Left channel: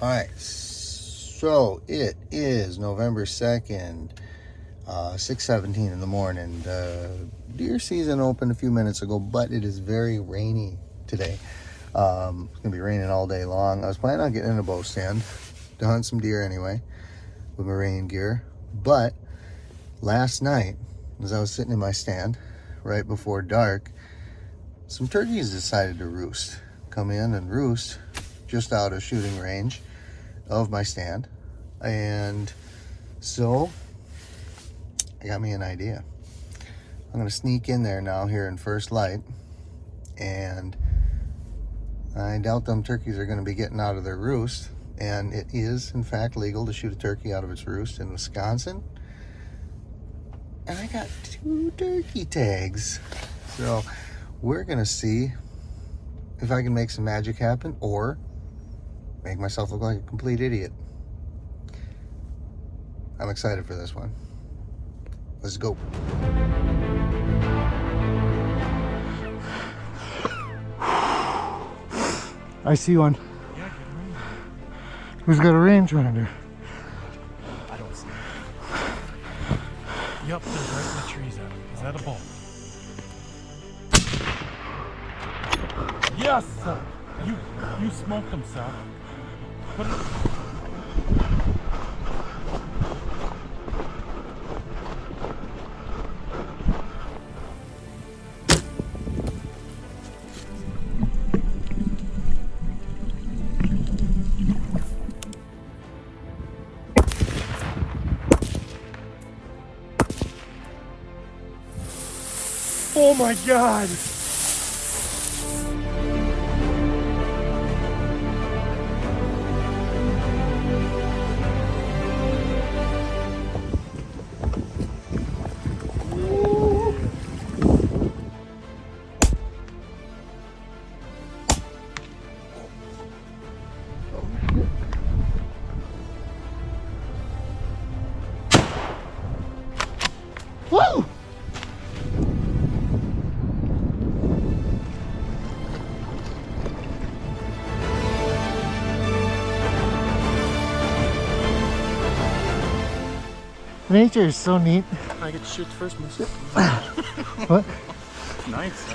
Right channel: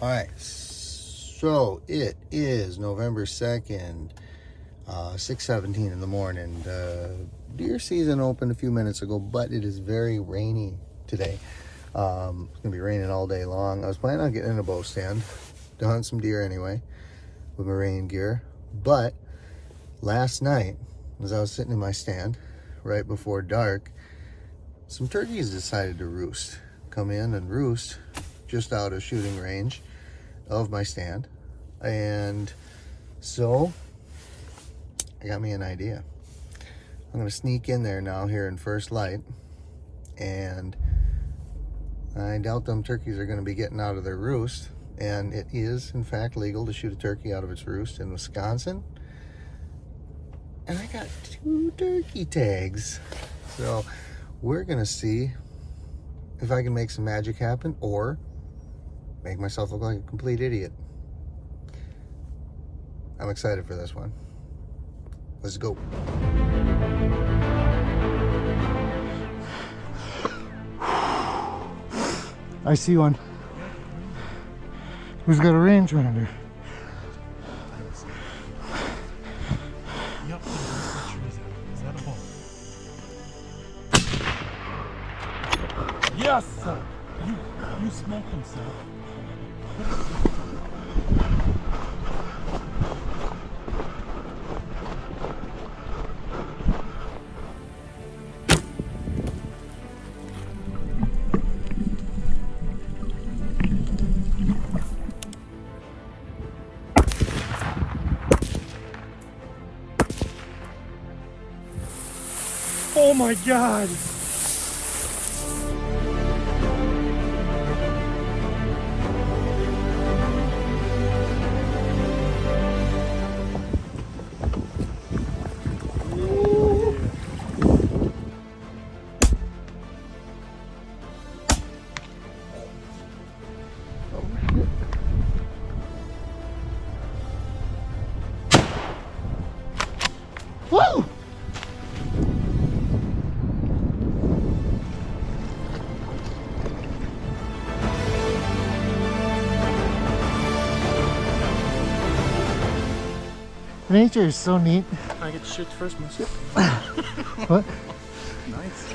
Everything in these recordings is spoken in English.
All right, so it is November 2nd, 6:17 in the morning. The deer season opened a few minutes ago, but it is very rainy today. It's gonna be raining all day long. I was planning on getting in a bow stand to hunt some deer anyway with my rain gear, but last night, as I was sitting in my stand right before dark, some turkeys decided to come in and roost just out of shooting range of my stand. And so I got me an idea. I'm gonna sneak in there now here in first light, and I doubt them turkeys are gonna be getting out of their roost. And it is in fact legal to shoot a turkey out of its roost in Wisconsin. And I got 2 turkey tags. So we're gonna see if I can make some magic happen or make myself look like a complete idiot. I'm excited for this one. Let's go. I see one. Who's got a rangefinder? I don't see it. Yep, there's the trees out. Is that a bull? Yes, sir. You smoked him, sir. Oh my God! Woo! Nature is so neat. I get to shoot first, Moose. What? Nice.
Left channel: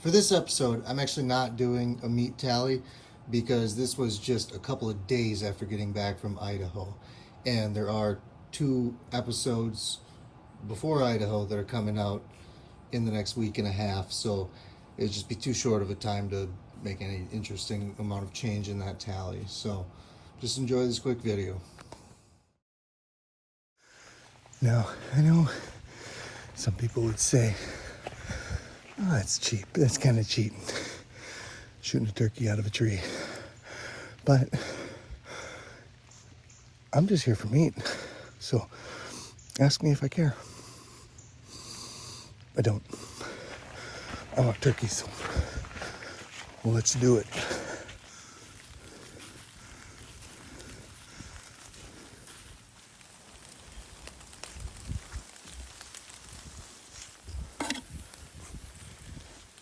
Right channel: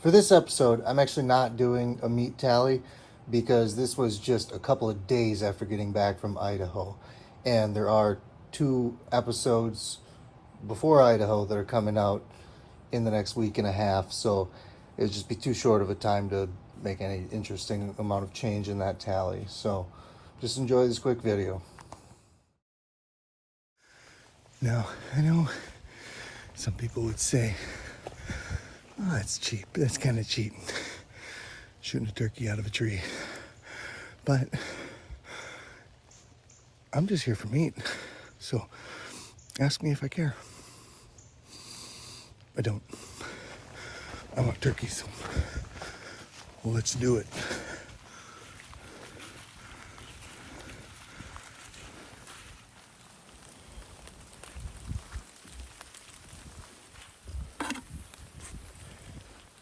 For this episode, I'm actually not doing a meat tally because this was just a couple of days after getting back from Idaho. And there are 2 episodes before Idaho that are coming out in the next week and a half. So it would just be too short of a time to make any interesting amount of change in that tally. So just enjoy this quick video. Now, I know some people would say, oh, that's cheap. That's kind of cheating. Shooting a turkey out of a tree. But I'm just here for meat. So ask me if I care. I don't. I want turkeys. Well, let's do it.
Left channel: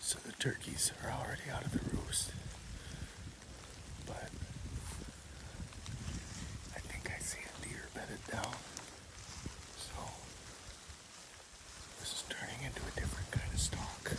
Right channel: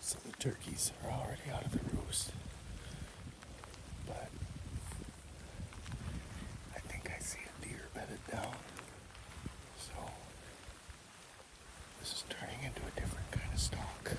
So the turkeys are already out of the roost. But I think I see a deer bedded down. So this is turning into a different kind of stalk.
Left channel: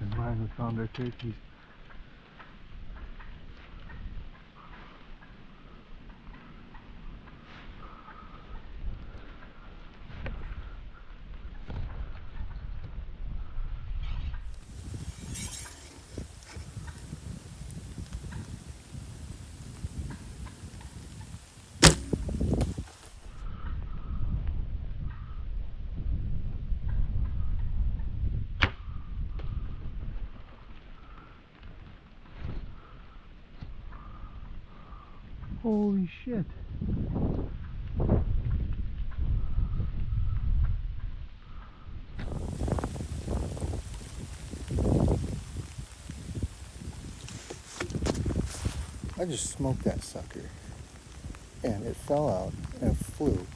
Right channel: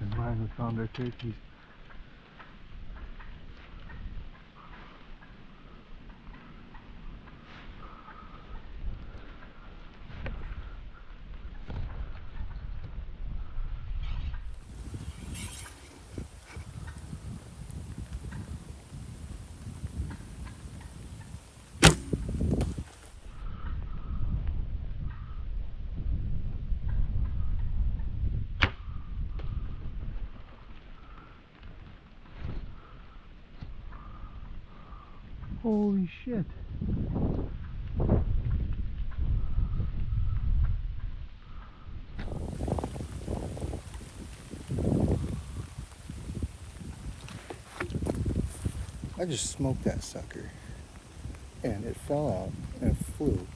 And mine, we found our turkeys. Holy shit. I just smoked that sucker. And it fell out and it flew.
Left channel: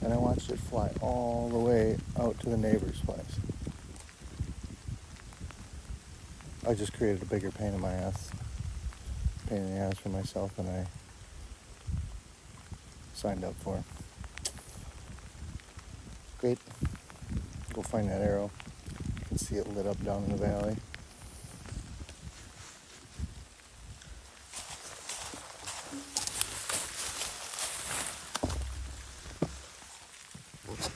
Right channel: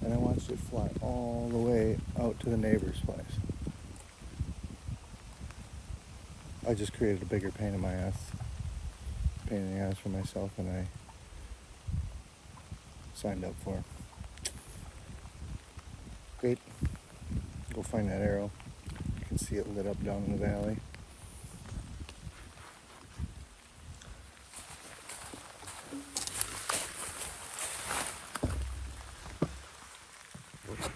And I watched it fly all the way out to the neighbor's place. I just created a bigger pain in my ass. Pain in the ass for myself than I signed up for. Great. Go find that arrow. You can see it lit up down in the valley. Look at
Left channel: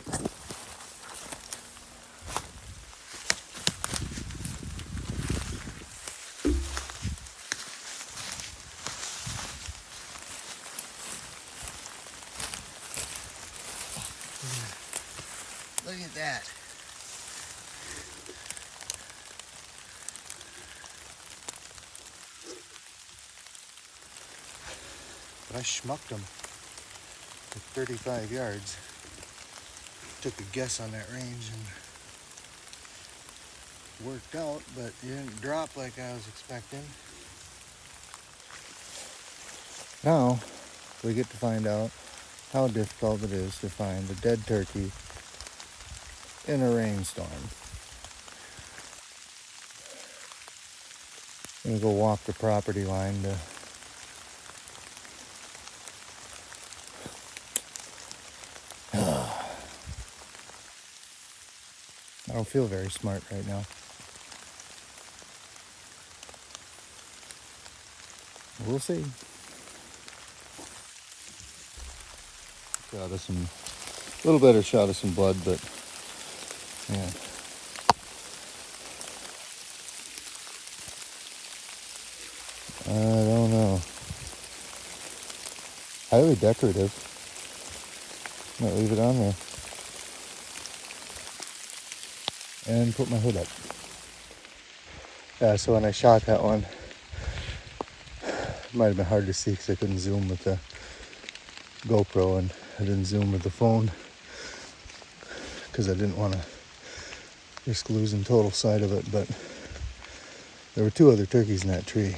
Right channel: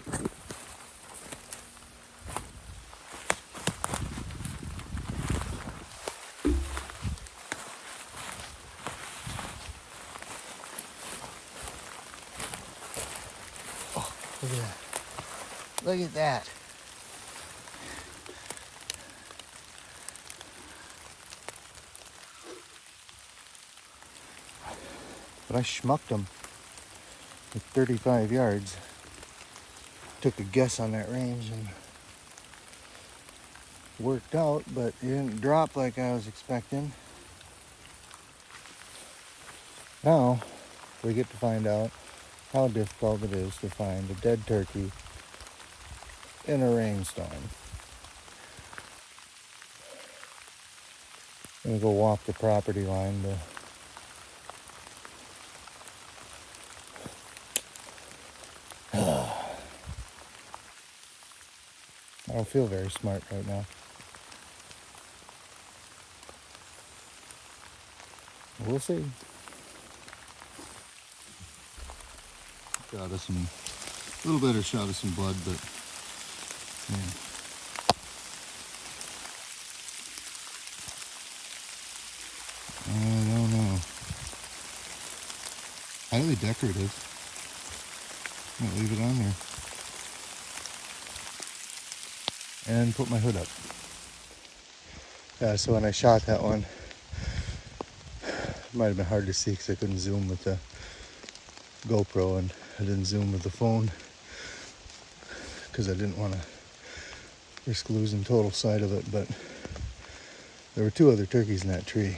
that. Look at that. But I schmucked him at 35 yards. Took a guess on that range and worked out, but it didn't drop like I was expecting. Now we get to find out how difficult it is to find a dead turkey in a rainstorm. I'm gonna go walk the property line to I don't feel very smart right now. We'll see. Shot of some, a little better shot of some blood, but yeah. I don't know. Highly decorative. Might leave it on there. And put my hood up. Yeah, so when I shot that one, it might have been hard to see because I couldn't zoom with the GoPro and I didn't zoom with the phone because I didn't want to risk losing total sight of it, but there were 2 other turkeys in that tree.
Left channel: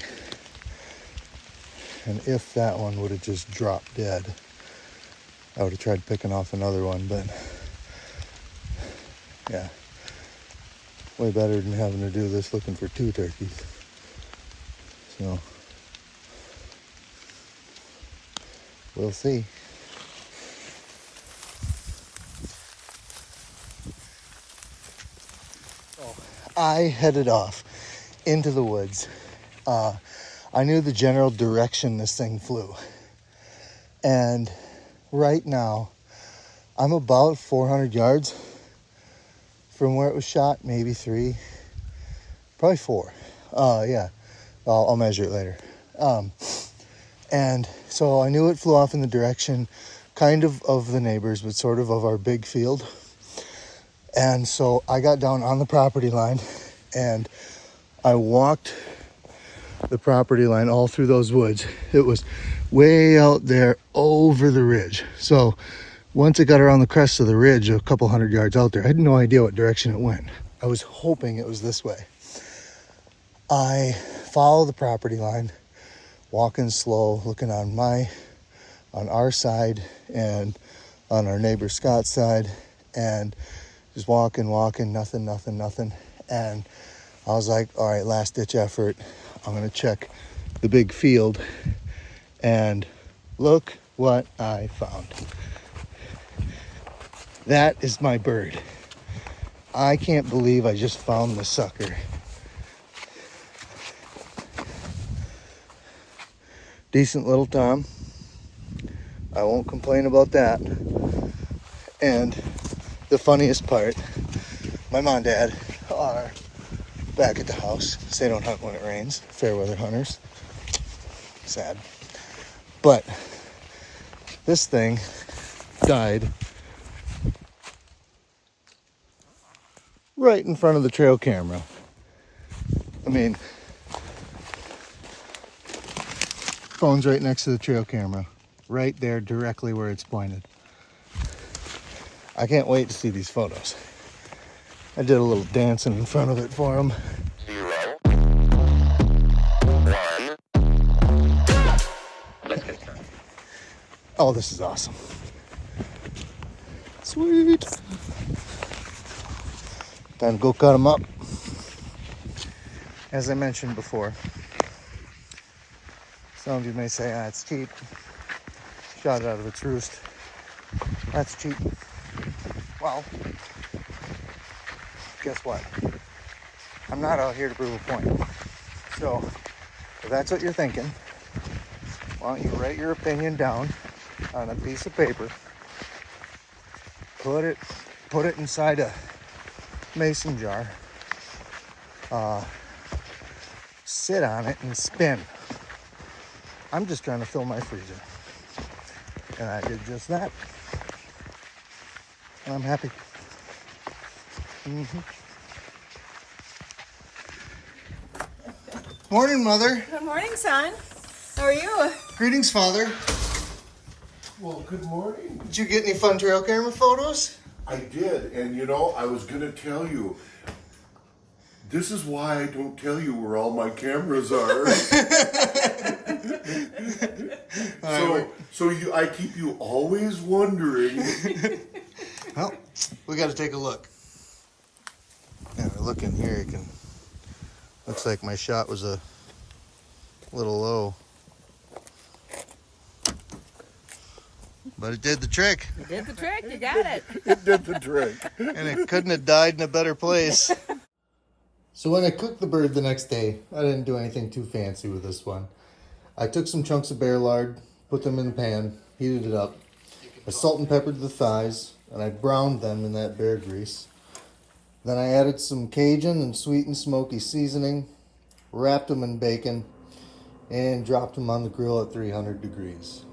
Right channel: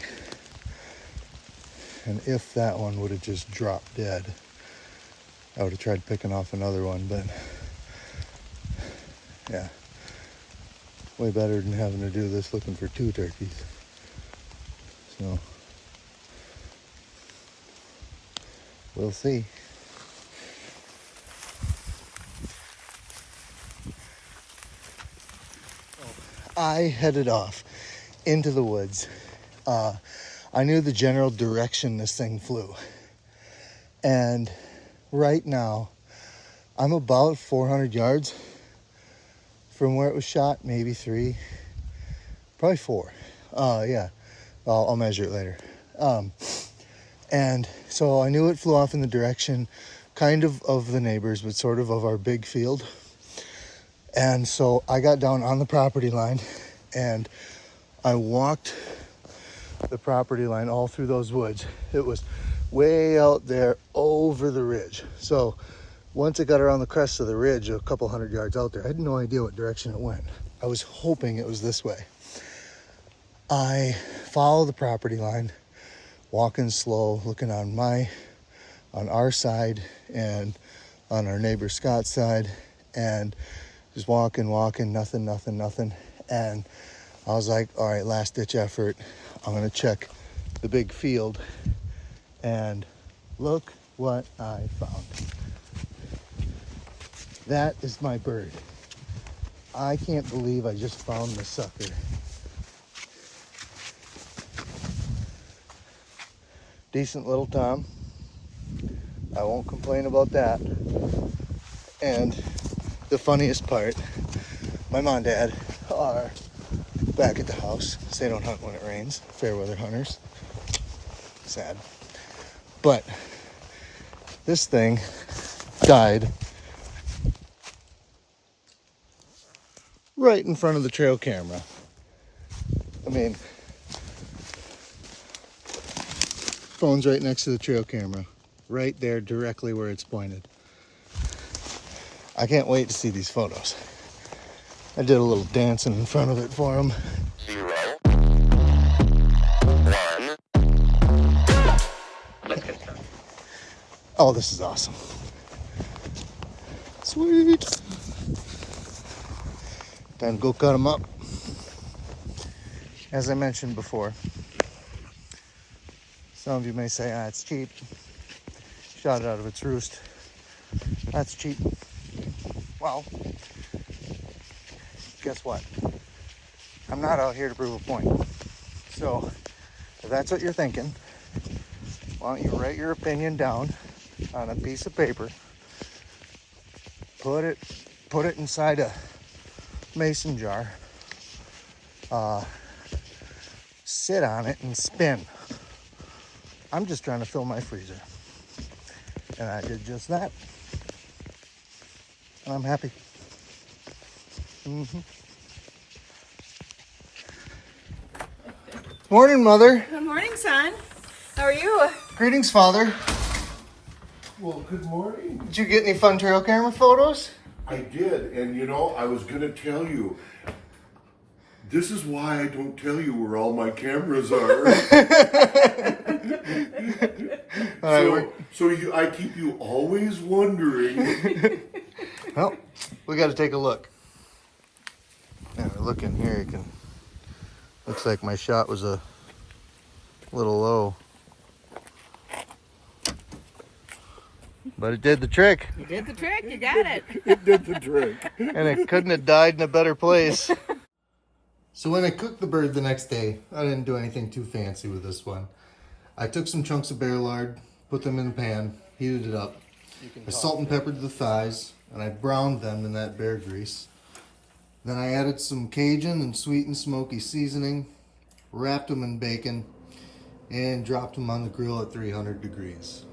And if that one would have just dropped dead, I would have tried picking off another one, but yeah. Way better than having to do this looking for 2 turkeys. So, we'll see. So, I headed off into the woods. I knew the general direction this thing flew. And right now, I'm about 400 yards from where it was shot, maybe 3, probably 4. Yeah, I'll measure it later. And so I knew it flew off in the direction kind of the neighbors, but sort of our big field. And so I got down on the property line and I walked the property line all through those woods. It was way out there over the ridge. So once it got around the crest of the ridge, a couple 100 yards out there, I had no idea what direction it went. I was hoping it was this way. I follow the property line, walking slow, looking on our side and on our neighbor Scott's side, and just walking, nothing. And I was like, all right, last ditch effort. I'm gonna check the big field, and look what I found. That is my bird. I can't believe I just found the sucker. Decent little tom. I won't complain about that. And the funniest part, my mom and dad are back at the house. So they don't hunt when it rains. Fair weather hunters. Sad. But this thing died right in front of the trail camera. I mean, Phone's right next to the trail camera. Right there, directly where it's pointed. I can't wait to see these photos. I did a little dancing in front of it for him. 0, 1. Let's get started. Oh, this is awesome. Sweet. Time to go cut them up. As I mentioned before, some of you may say, ah, it's cheap. Shot it out of its roost. That's cheap. Well, guess what? I'm not out here to prove a point. So, if that's what you're thinking, why don't you write your opinion down on a piece of paper, put it inside a mason jar, sit on it and spin. I'm just trying to fill my freezer. And I did just that. And I'm happy. Morning, Mother. Good morning, son. How are you? Greetings, Father. Well, good morning. Did you get any fun trail camera photos? I did, and you know, I was gonna tell you. This is why I don't tell you where all my cameras are. I keep you always wondering. Well, we got to take a look. Yeah, look in here. You can. Looks like my shot was a little low, but it did the trick. You did the trick. You got it. It did the trick. And it couldn't have died in a better place. So when I cooked the bird the next day, I didn't do anything too fancy with this one. I took some chunks of bear lard, put them in the pan, heated it up. I salt and peppered the thighs, and I browned them in that bear grease. Then I added some Cajun and sweet and smoky seasoning, wrapped them in bacon, and dropped them on the grill at 300 degrees.